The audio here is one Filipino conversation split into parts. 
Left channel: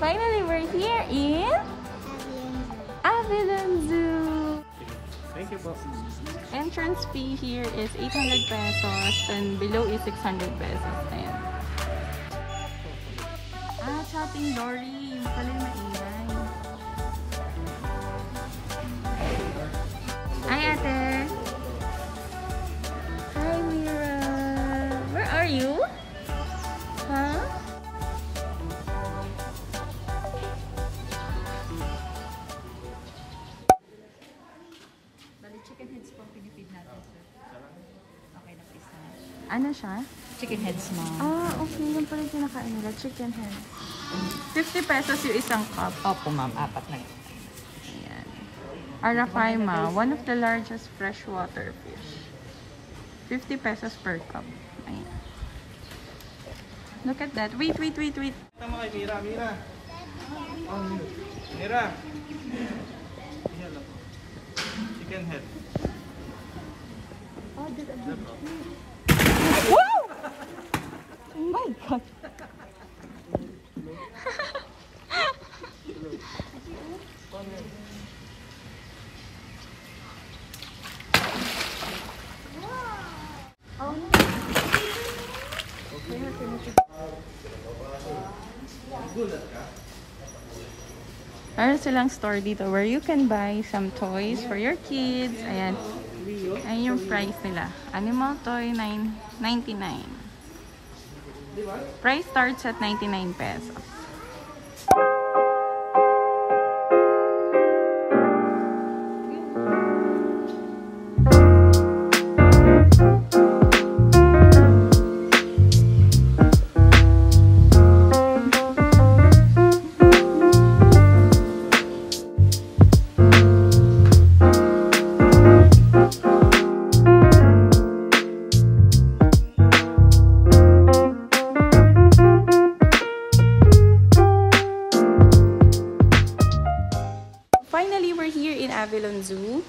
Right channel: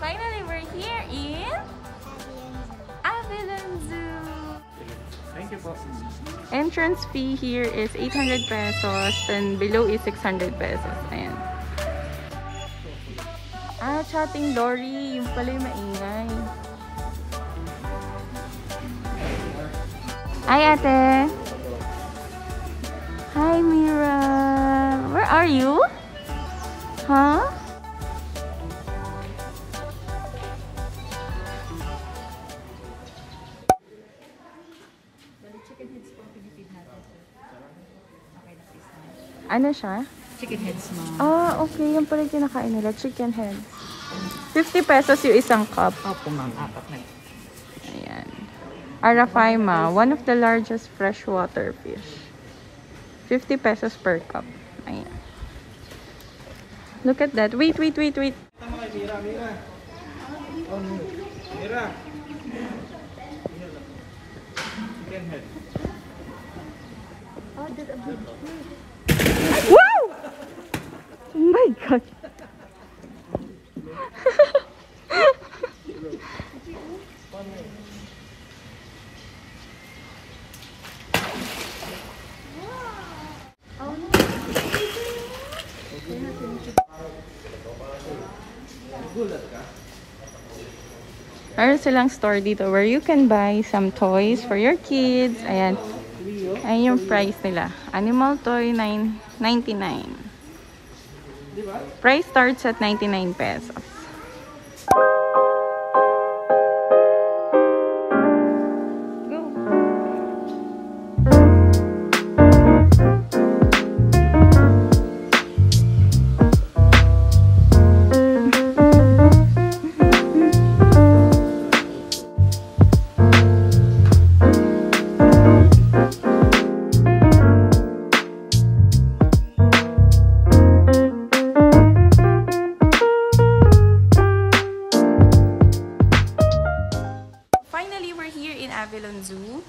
Finally, we're here in Avilon Zoo. Entrance fee here is 800 pesos and below is 600 pesos. Ayan. Ah, chatting Dory. Yung pala yung maingay. Hi, ate. Hi, Mira. Where are you? Huh? Chicken heads po, pinipid natin, sir. Okay na, please na. Ano siya? Chicken heads, ma'am. Ah, okay. Yung pala yung kinakain nila. Chicken head. 50 pesos yung isang cup. Opo, ma'am. Apat na. Ayan. Arapaima, one of the largest freshwater fish. 50 pesos per cup. Ayan. Look at that. Wait. Tama kay Mira. Oh, Mira. Chicken head. Oh, there's a big fish. Wow! Oh my god. Meron silang store dito where you can buy some toys for your kids. Ayan. Ayan yung price nila. Animal toy, $9.99. Price starts at 99 pesos. Finally, we're here in Avilon Zoo.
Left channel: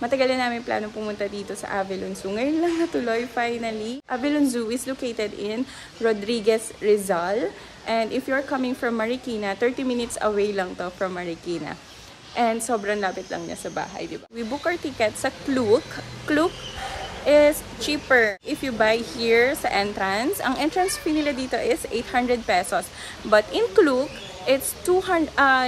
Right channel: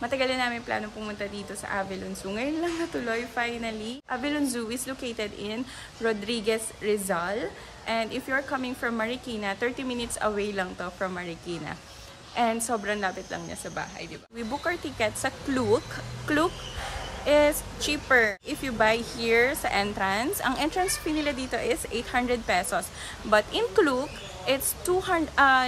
Matagal na namin plano pumunta dito sa Avilon Zoo. Ngayon lang natuloy, finally. Avilon Zoo is located in Rodriguez, Rizal. And if you're coming from Marikina, 30 minutes away lang to from Marikina. And sobrang lapit lang niya sa bahay, di ba? We book our ticket sa Klook. Klook is cheaper if you buy here sa entrance. Ang entrance fee nila dito is 800 pesos. But in Klook, it's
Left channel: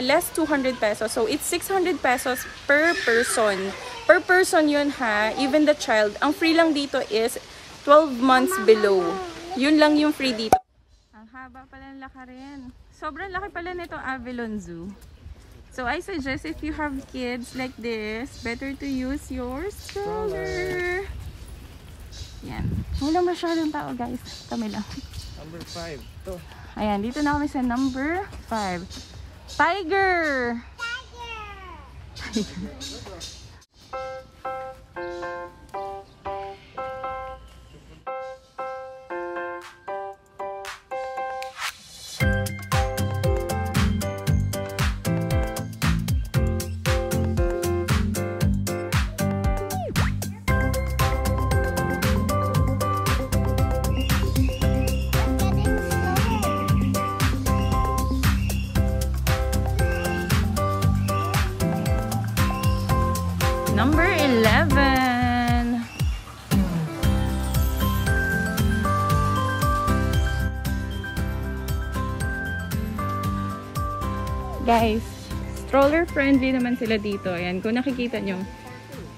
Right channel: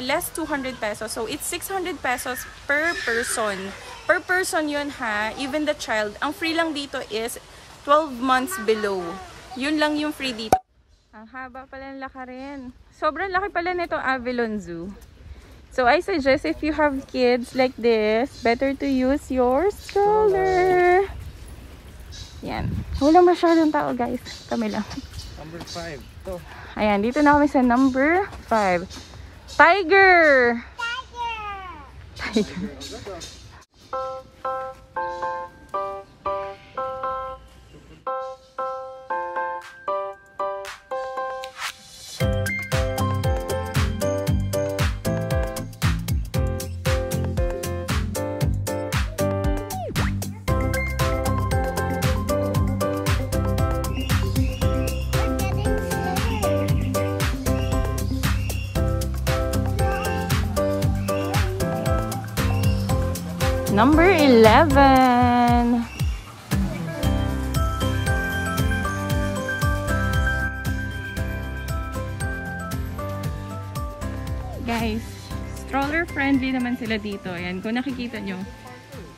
less 200 pesos. So, it's 600 pesos per person. Per person yun ha. Even the child. Ang free lang dito is 12 months below. Yun lang yung free dito. Ang haba pala ng lakarin. Sobrang laki pala nito Avilon Zoo. So, I suggest if you have kids like this, better to use your stroller. Yan. Wala masyadong tao guys. Kami lang. Number 5. Ayan, dito na kami sa number 5. Tiger! Tiger. Number 11. Guys, stroller friendly naman sila dito. Ayan, kung nakikita nyo,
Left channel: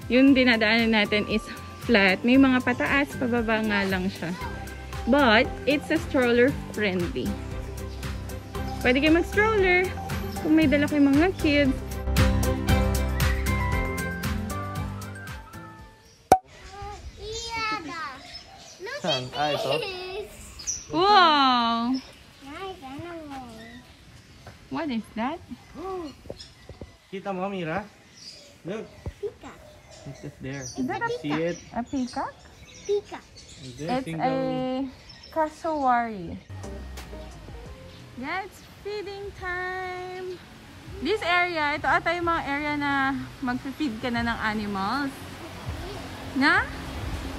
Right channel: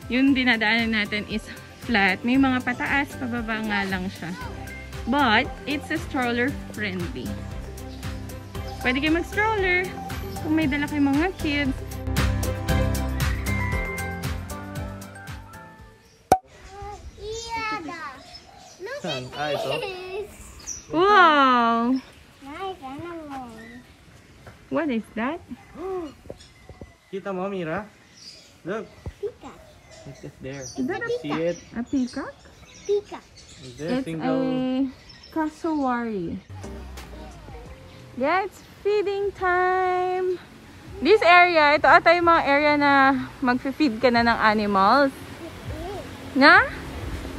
yung dinadaanan natin is flat. May mga pataas, pababa nga lang siya. But, it's a stroller friendly. Pwede kayo mag-stroller kung may dala kayong mga kids. Wow! Nice animal. What is that? Kita mo, Mira? Look. Pika. It's just there. Is that a See it? A pika? Pika. Is there a It's single... a cassowary. Yeah, it's feeding time. This area, ito ata yung mga area na mag-feed ka na ng animals. Na?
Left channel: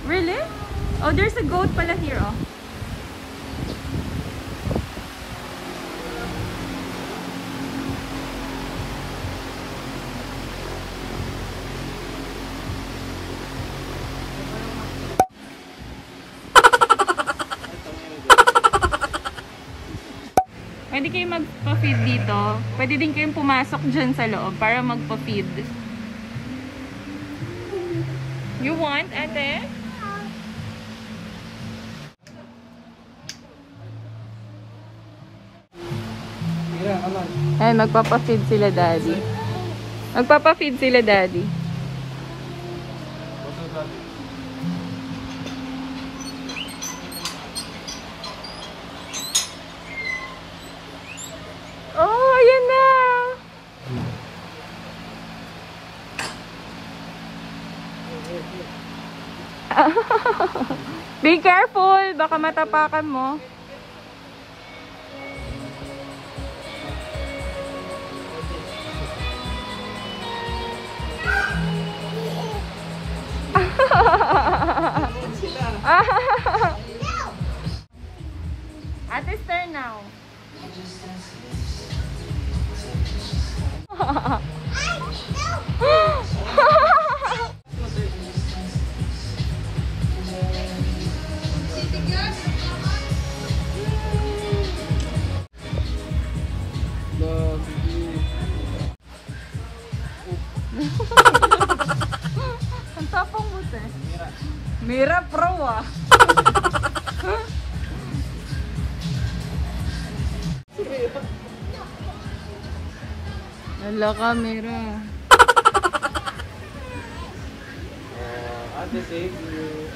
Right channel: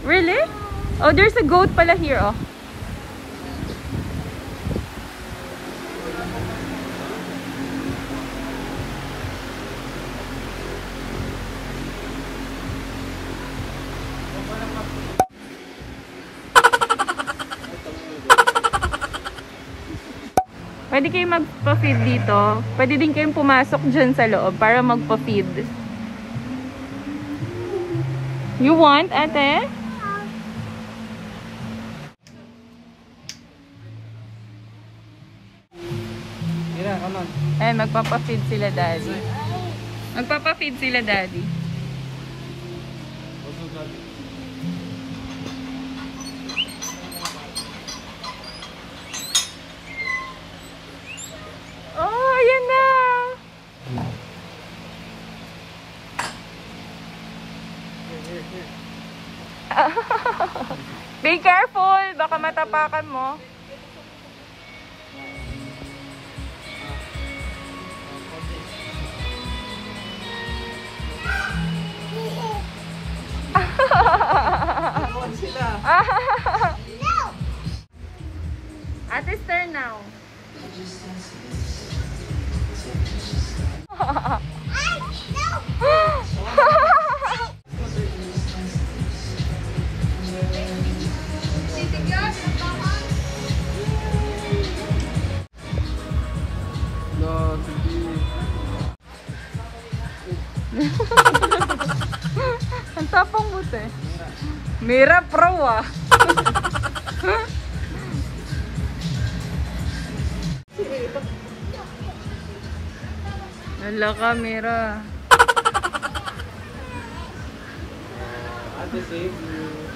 Really? Oh, there's a goat pala here, oh. Pwede kayong magpa-feed dito. Pwede din kayong pumasok dyan sa loob para magpa-feed. You want, ate? Mira, come on. Ay, magpapa-feed sila daddy. Magpapa-feed sila daddy. Oh, ayan na! Be careful! Baka matapakan mo. Sila. Ate's turn now. Ang tapang buti. Mira pro ah. Hala ka, Mira. Ate, save you.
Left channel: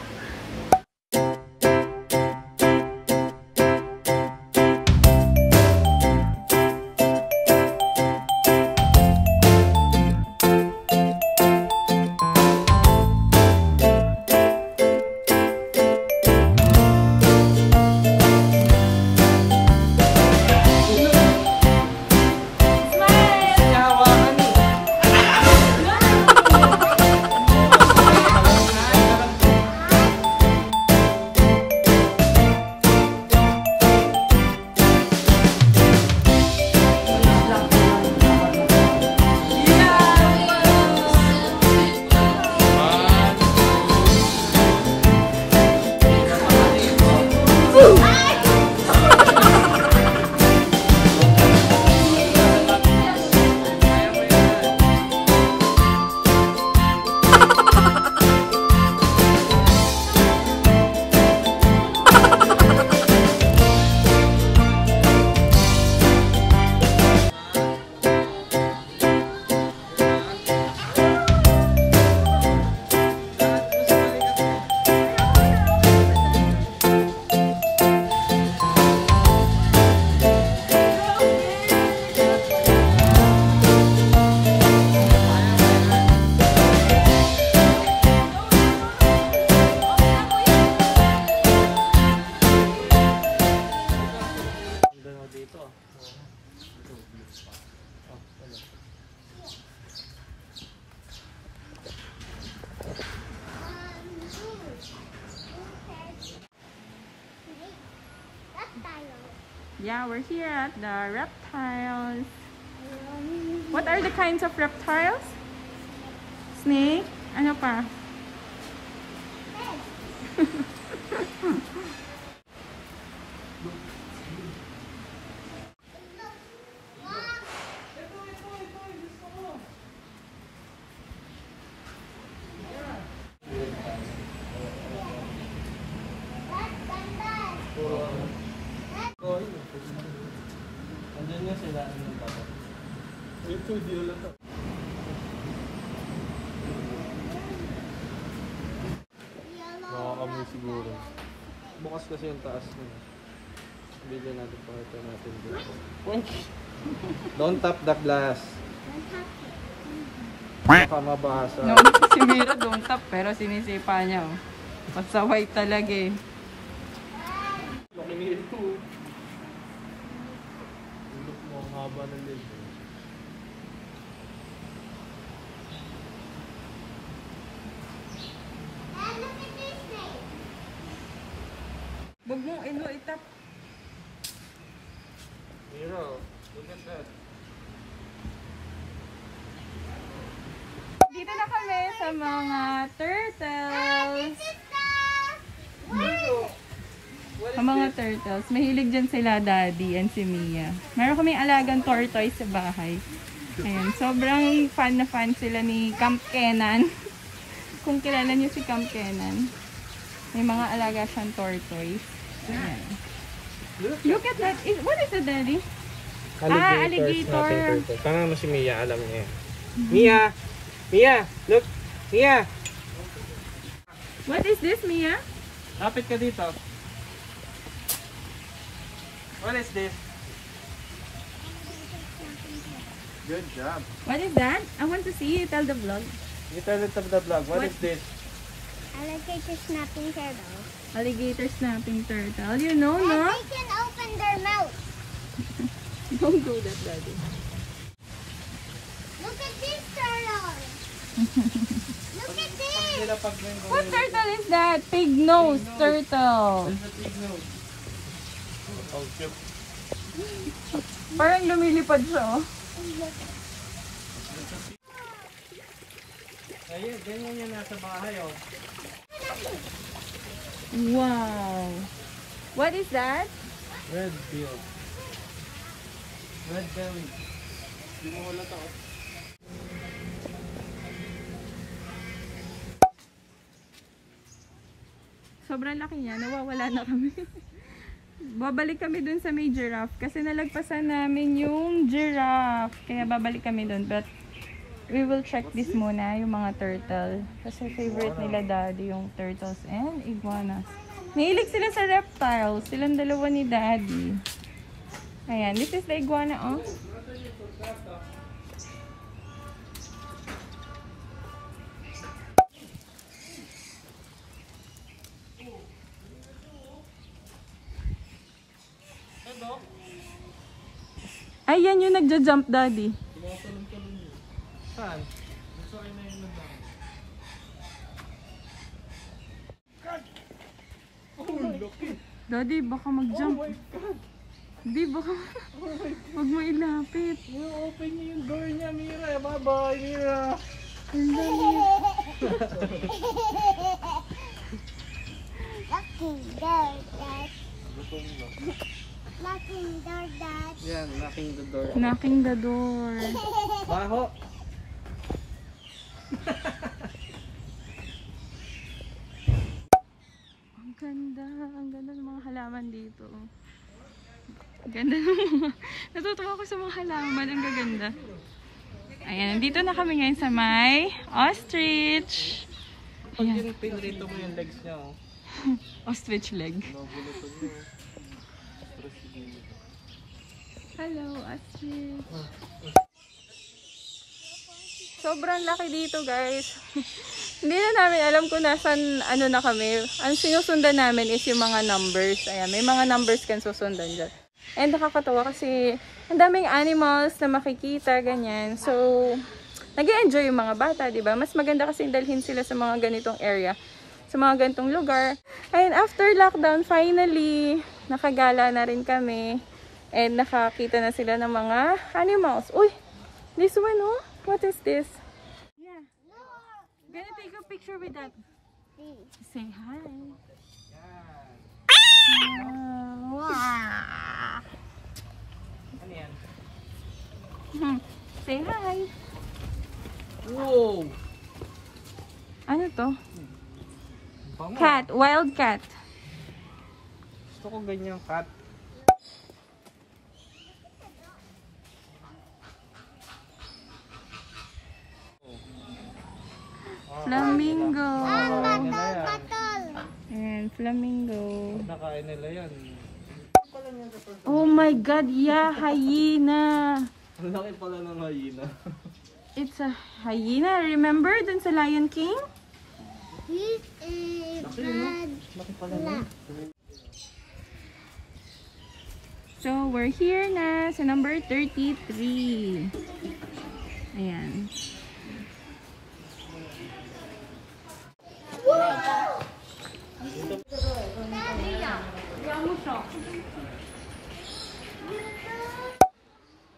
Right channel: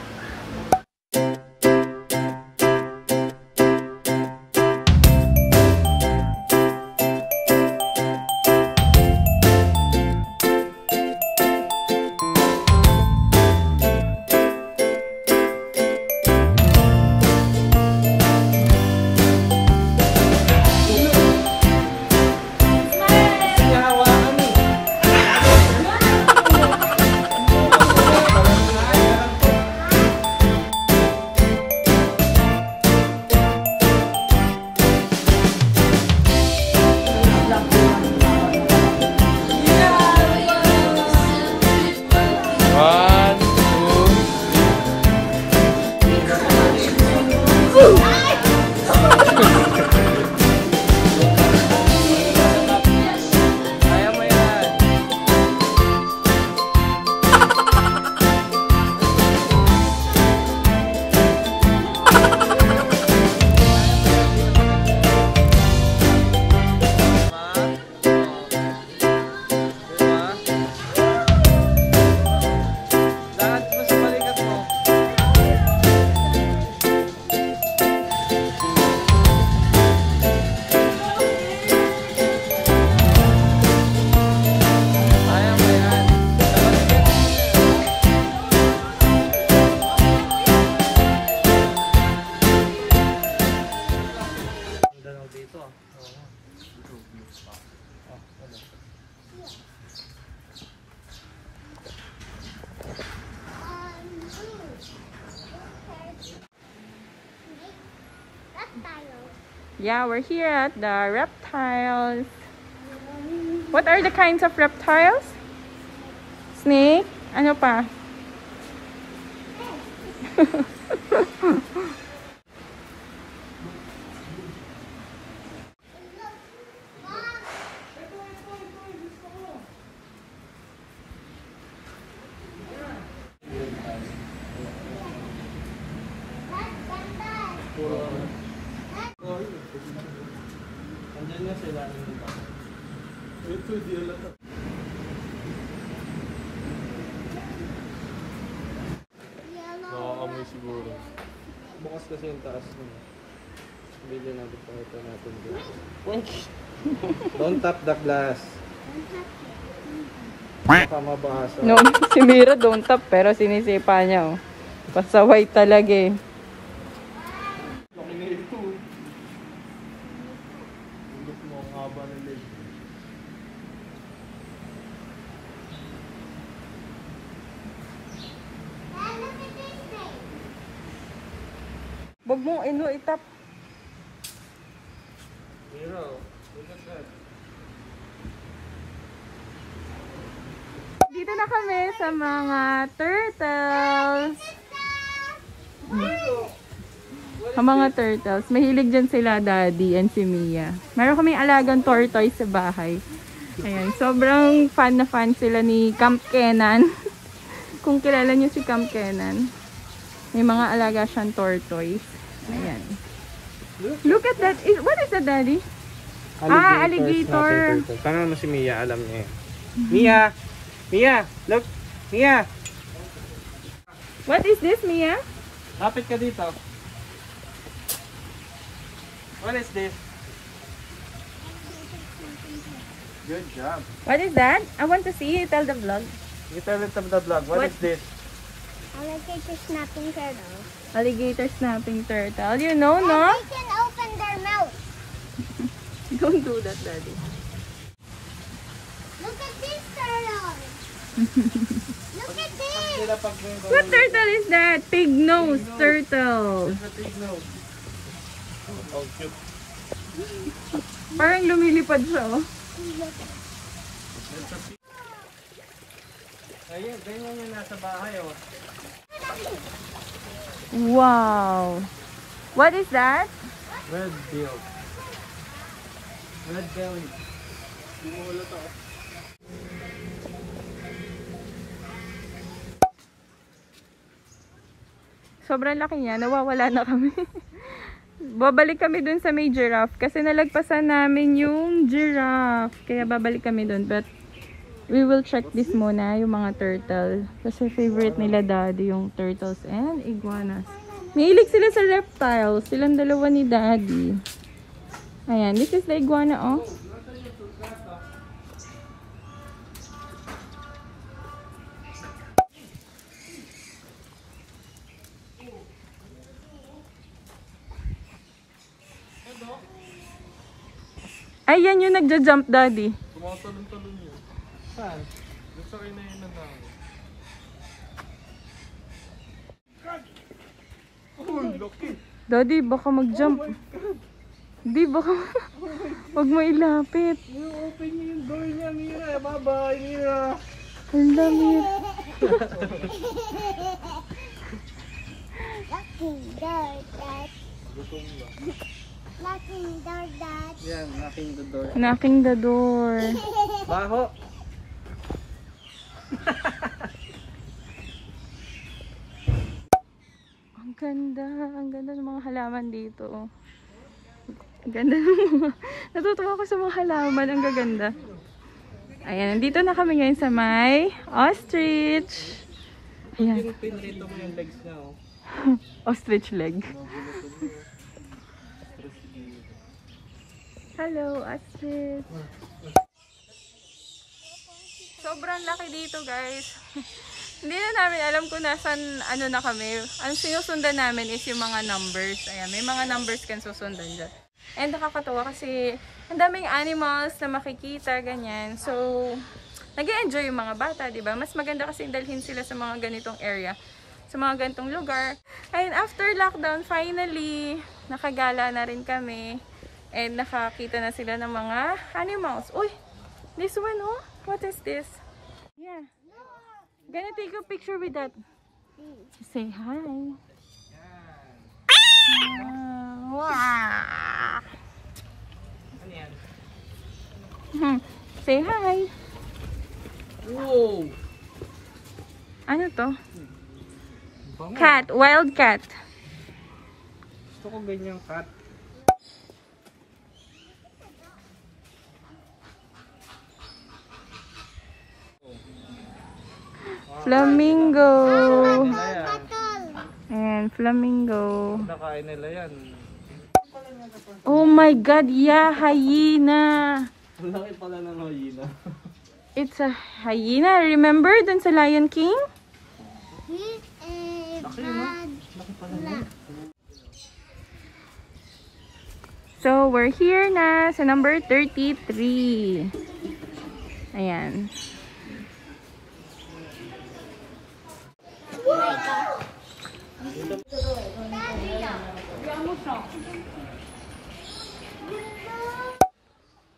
Yeah, we're here at the reptiles. What are the kinds of reptiles? Snake? Ano pa? Nakakamoy siguro. Bukas kasi yung taas nun. Bigyan natin pakita natin dito. Don't tap the glass. Baka mabasa. No, si Mira don't tap pero sinisipa niya oh. Pasaway talaga eh. Makinil ko. Hindi mo ang haba ng leg. Wag mo itap. Mira, look at that. Dito na kami sa mga turtles. Ang mga turtles. Mahilig dyan sila daddy and si Mia. Meron kaming alagang tortoise sa bahay. Ayun, sobrang fan na fan sila ni Camp Kenan. Kung kilala niyo si Camp Kenan. May mga alaga siyang tortoise. Ayan. Look at that. What is that, daddy? Alligator. Tangan mo si Mia, alam niya. Mia! Mia! Look! Mia! What is this, Mia? Lapit ka dito. What is this? Good job. What is that? I want to see. Tell the vlog. You tell it of the vlog. What is this? Alligator snapping turtle. Alligator snapping turtle. You know, no? They can open their mouth. Don't do that, daddy. Look at this turtle. Look at this. Sila pag may What turtle is that? Pig nose turtle. Oh, cute. Parang lumilipad siya, oh. Ayun, ganyan yan nasa bahay, oh. Wow. What is that? Red bill. Red belly. Hindi mo wala to. Sobrang laki niya. Nawawala na kami. Babalik kami dun sa may giraffe kasi nalagpasan namin yung giraffe. Kaya babalik kami dun. But we will check this muna, yung mga turtle. Kasi favorite nila daddy yung turtles and iguanas. Nahilig sila sa reptiles. Silang dalawa ni daddy. Ayan, this is the iguana, oh. Ayan yung nagja-jump, daddy. Tumatalon-talon yun. Saan? Gusto kayo na yun na daw. Oh, laki! Daddy, baka mag-jump. Di, baka wag mo ilapit. Open niyo yung door niya, Mira. Bye-bye, Mira. Ang dami. Locking door, Dad. Locking door, Dad. Yan, knocking the door. Knocking the door. Baho! Ang ganda ng mga halaman dito. Ang ganda ng mga, natutuwa ko sa mga halaman, ang gaganda. Ayan, nandito na kami ngayon sa may ostrich. Ayan, Pinrito mo yung legs niya, oh. ostrich leg. Hello, ostrich. Sobrang laki dito, guys. Hindi na namin alam kung nasan na kami. Ang sinusundan namin is yung mga numbers. Ayan, may mga numbers kan susundan dyan. And nakakatawa kasi ang daming animals na makikita, ganyan. So, nag-i-enjoy yung mga bata, diba? Mas maganda kasi dalhin sila sa mga ganitong area, sa mga ganitong lugar. And after lockdown, finally, nakagala na rin kami. And nakakita na sila ng mga animals. Uy, this one, oh. What is this? Yeah. Gonna take a picture with that. Say hi. Wow. Ano yan? Say hi. Wow! Ano to? Bango. Cat. Wild cat. Gusto ko ganyang cat. Flamingo. Nila yan. And flamingo. Nakain nila yan. Oh my God, yeah, hyena. Ang laki pala ng hyena. It's a hyena. Remember dun sa Lion King? He is bad. So, we're here na sa number 33. Ayan.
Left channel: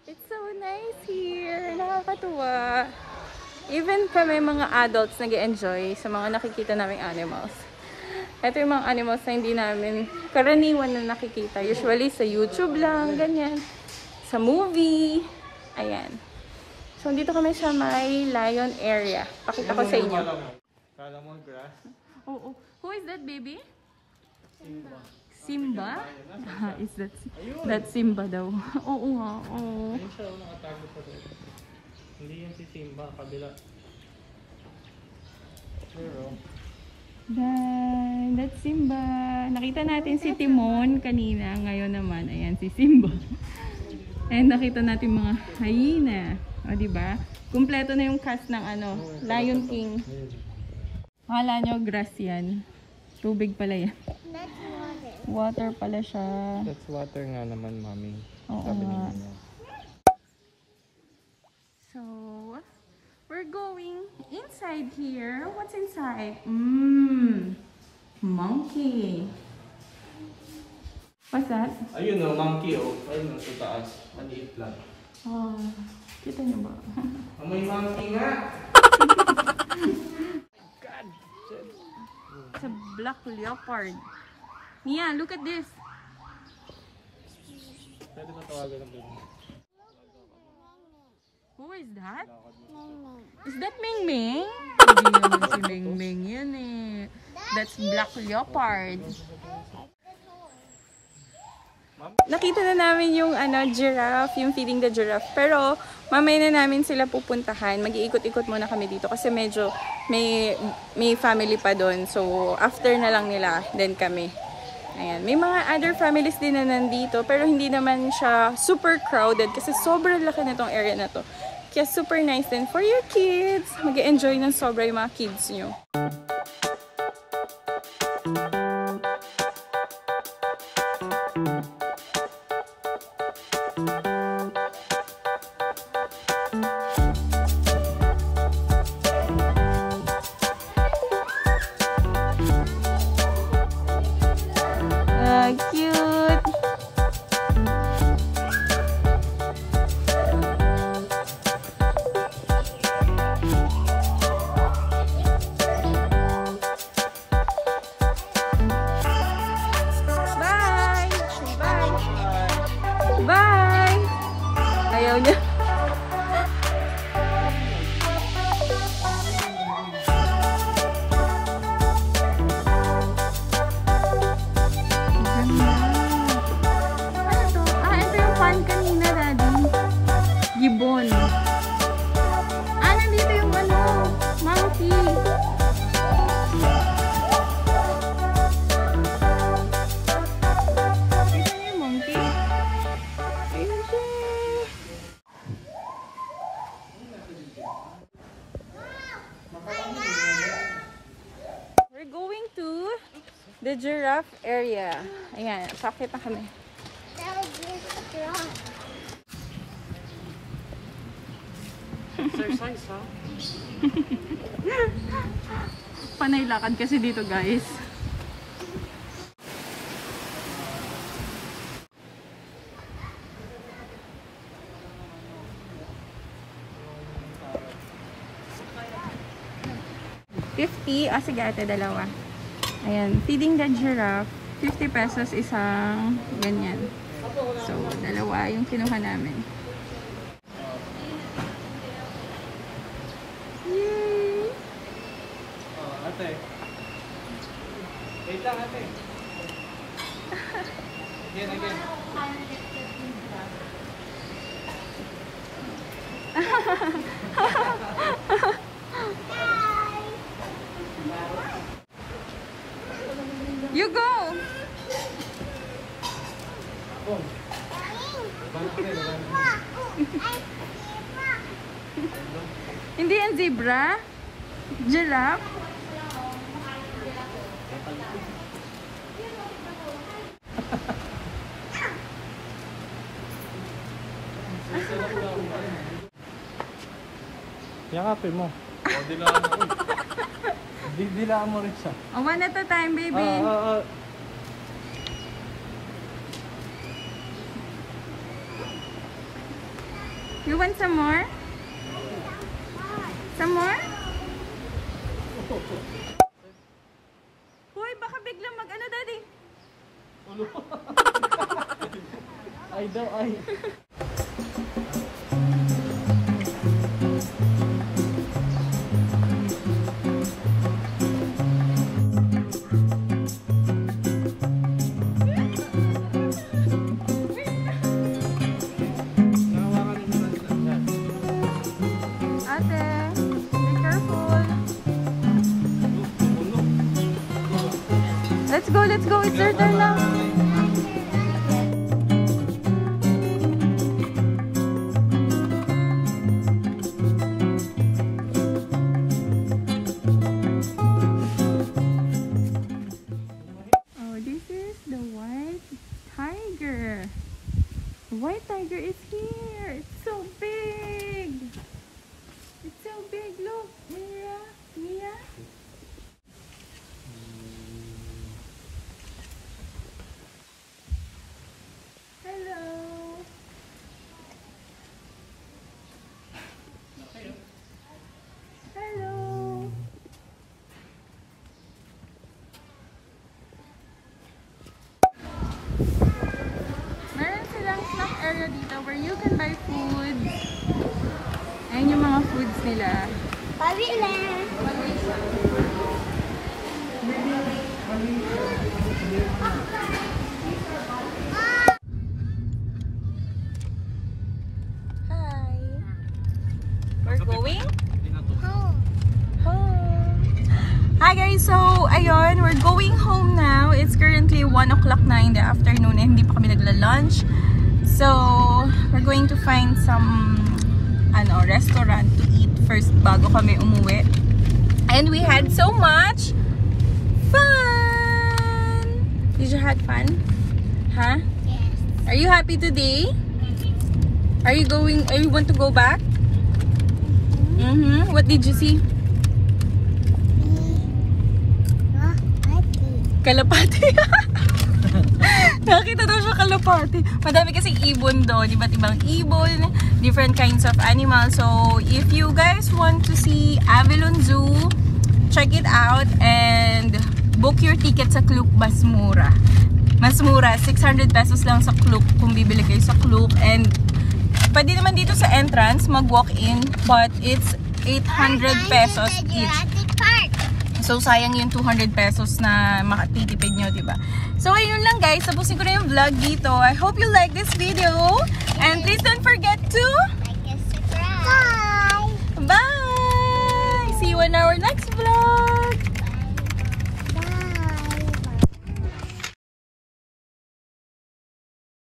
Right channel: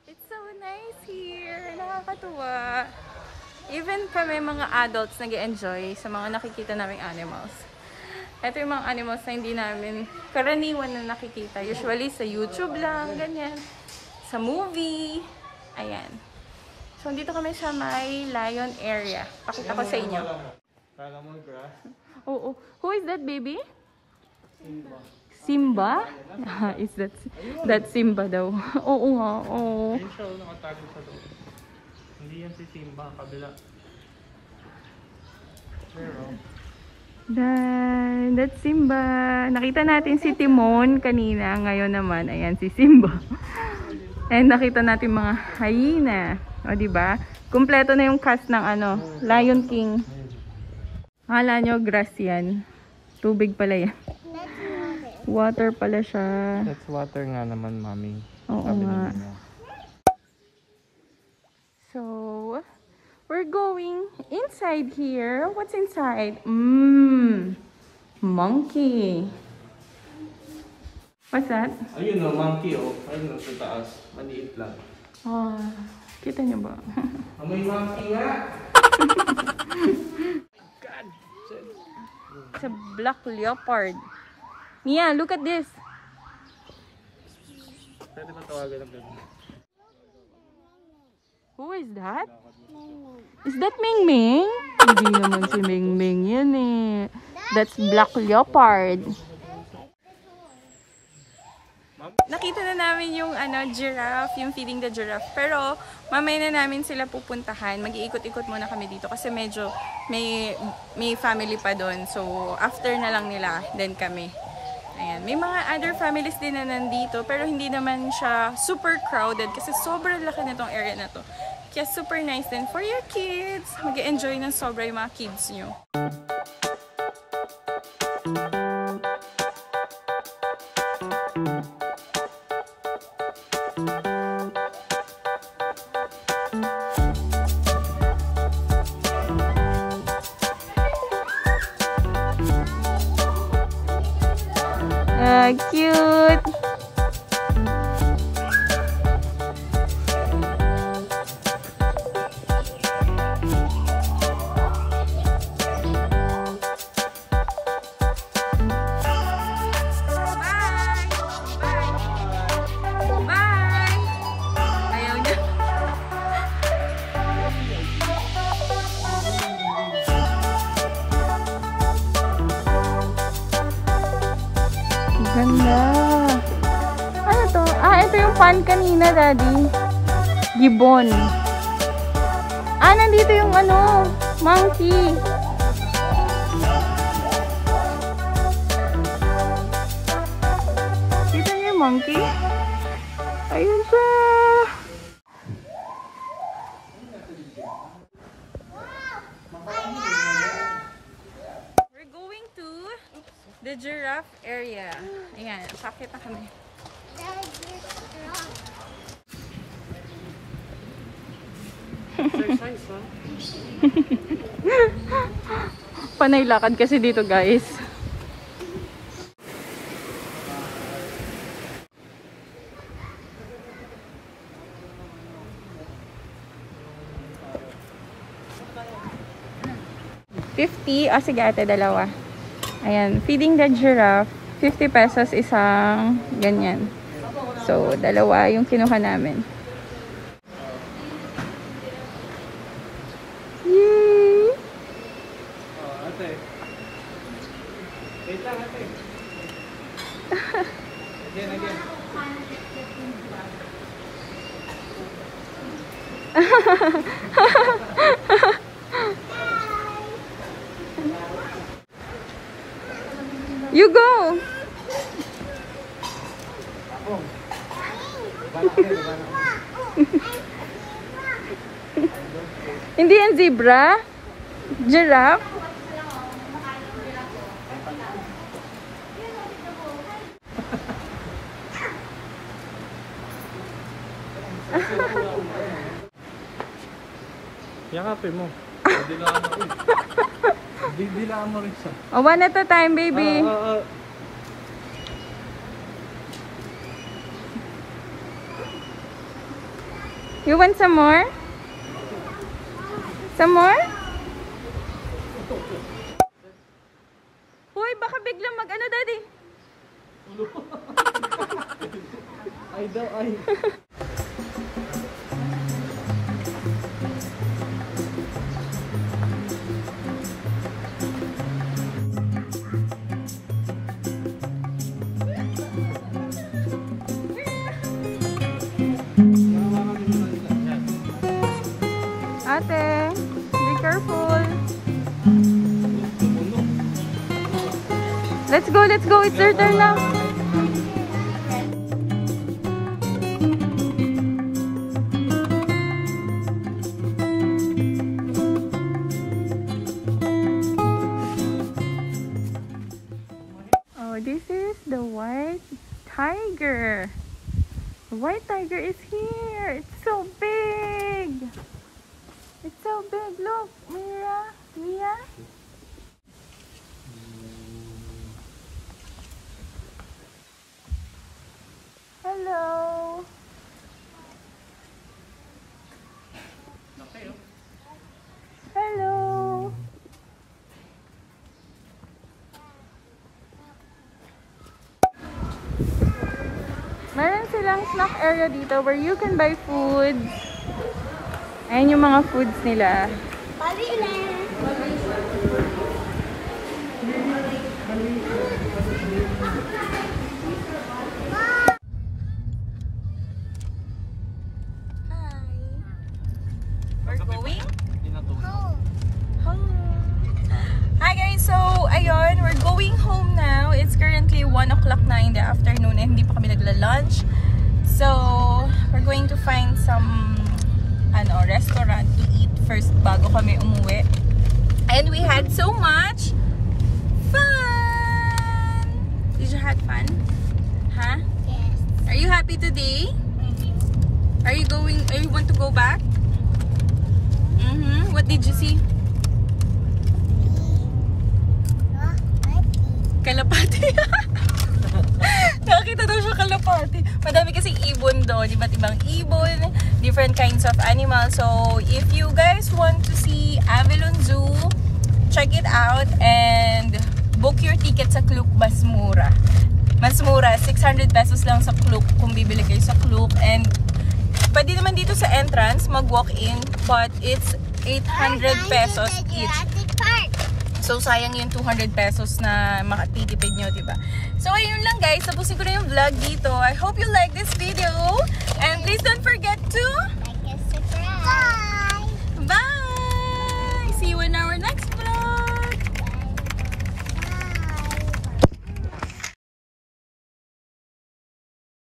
It's so nice here. Nakakatuwa. Even kami mga adults nag-enjoy sa mga nakikita naming animals. Ito yung mga animals na hindi namin karaniwan na nakikita. Usually sa YouTube lang, ganyan. Sa movie. Ayan. So, dito kami sa may lion area. Pakita ko sa inyo. Kala mo grass? Oo. Who is that, baby? Simba? Is that Simba daw? Oo nga. Oo. Hindi yan si Simba, kabila. That's Simba. Nakita natin si Timon kanina. Ngayon naman, ayan si Simba. And nakita natin mga hyena. O, diba? Kumpleto na yung cast ng Lion King. Akala nyo, grass yan. Tubig pala yan. Water pala siya. That's water nga naman, mami. Oo nga. So, we're going inside here. What's inside? Monkey. What's that? Ayun o, monkey o. Ayun o, sa taas. Maliit lang. Oh, kita niyo ba? May monkey nga. It's a black leopard. Mia, look at this. Pwede ba tawagan ng ganun? Who is that? Is that Ming Ming? Hindi naman si Ming Ming yan eh. That's black leopard. Nakita na namin yung giraffe, yung feeding the giraffe. Pero mamaya na namin sila pupuntahan. Mag-iikot-ikot muna kami dito kasi medyo may family pa doon. So after na lang nila, then kami. Ayan. May mga other families din na nandito pero hindi naman siya super crowded kasi sobrang laki na tong area na to. Kaya super nice din for your kids. Mag-enjoy ng sobra yung mga kids nyo. Cute! Bye! Bye! Bye! Ayaw niya. Ganda. Ano to? Ito yung fan kanina, Daddy. Gibbon. Nandito yung monkey. Kita niyo yung monkey? Ayun siya. We're going to the giraffe area. Ayan, pakita kami. Exercise, ha? Panay lakad kasi dito, guys. $50. Sige ate, dalawa. Ayan, feeding the giraffe. 50 pesos isang ganyan. So, dalawa yung kinuha namin. Yay! Ate. Wait lang, ate. Again. You go! Hindi yan zebra? Giraffe? Yakapin mo. Dilaan ako. Dilaan mo rin siya. Oh, one at a time, baby. You want some more? Some more? Hoy, baka biglang mag-ano, daddy? Ay daw, ay. Ate, be careful. Let's go, let's go. It's your turn now. Oh, this is the white tiger. The white tiger is here. It's so big. It's so big. Look, Mia. Hello. Hello. Meron silang snack area dito where you can buy food. Ayan yung mga foods nila. We're going home. Hi guys, so ayun, we're going home now. It's currently 1 o'clock na in the afternoon and hindi pa kami nagla-lunch. So, we're going to find some restaurant to eat first bago kami umuwi. And we had so much fun! Did you have fun? Huh? Yes. Are you happy today? Are you want to go back? What did you see? Kalapati. Nakita daw siya kalapati. Madami kasing ibon doon. Iba't ibang ibon. Different kinds of animals. So, if you guys want to see Avilon Zoo, check it out and book your ticket sa Klook. Mas mura. Mas mura. 600 pesos lang sa Klook kung bibili kayo sa Klook. And pwede naman dito sa entrance mag-walk-in. But it's 800 pesos each. So, sayang yung 200 pesos na makatitipid nyo, diba? So, ayun lang guys. Tapusin ko na yung vlog dito. I hope you like this video. And please don't forget to